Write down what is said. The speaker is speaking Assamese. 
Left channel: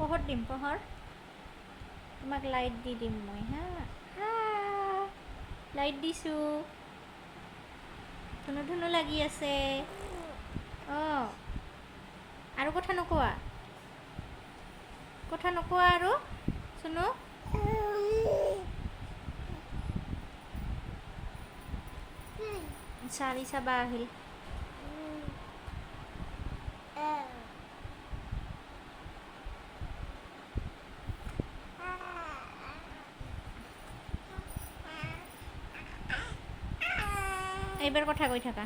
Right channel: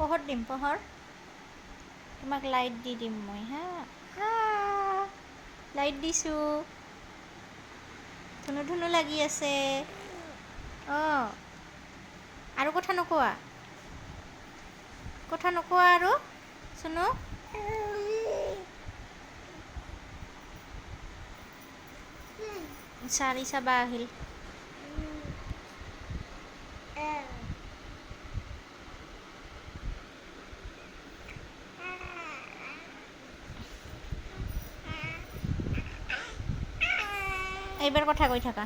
পোহৰ দিম পোহৰ তোমাক লাইট দি দিম মই হা লাইট দিছোঁ ধুনু ধুনু লাগি আছে অঁ আৰু কথা নোকোৱা আৰু চুনু চাৰি চাবা আহিল এইবাৰ কথা কৈ থাকা